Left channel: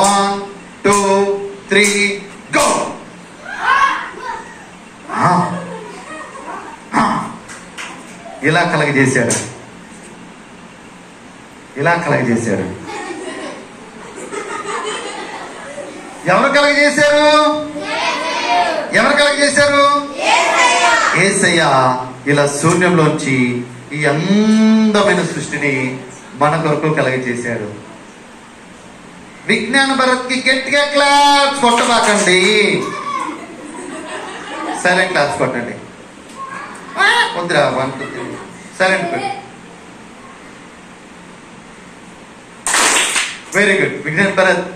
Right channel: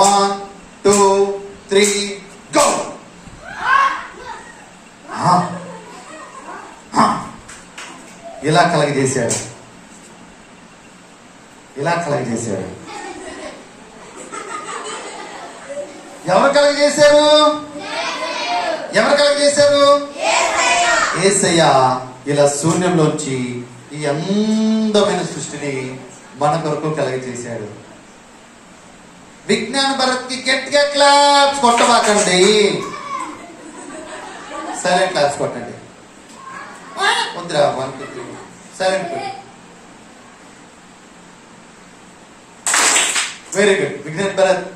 1 2 3 go. ఇలా కలగజేశాడు, ఇలా కలగజేశాడు. ఎవరు కలగజేశారు? ఎవరు కలగజేశారు? యేసయ్య ఇలా శూన్యంలోంచి ఈ అందమైన సృష్టిని మన కొరకు కలగజేశాడు. విజ్ఞాన భరత్కి గట్టిగా క్లాప్స్ కొట్టబాకండి, సైలెంట్ క్లాప్స్ కొట్టండి. వద్దురా, సైలెంట్ పెట్టి. Very good Vignan Bharat.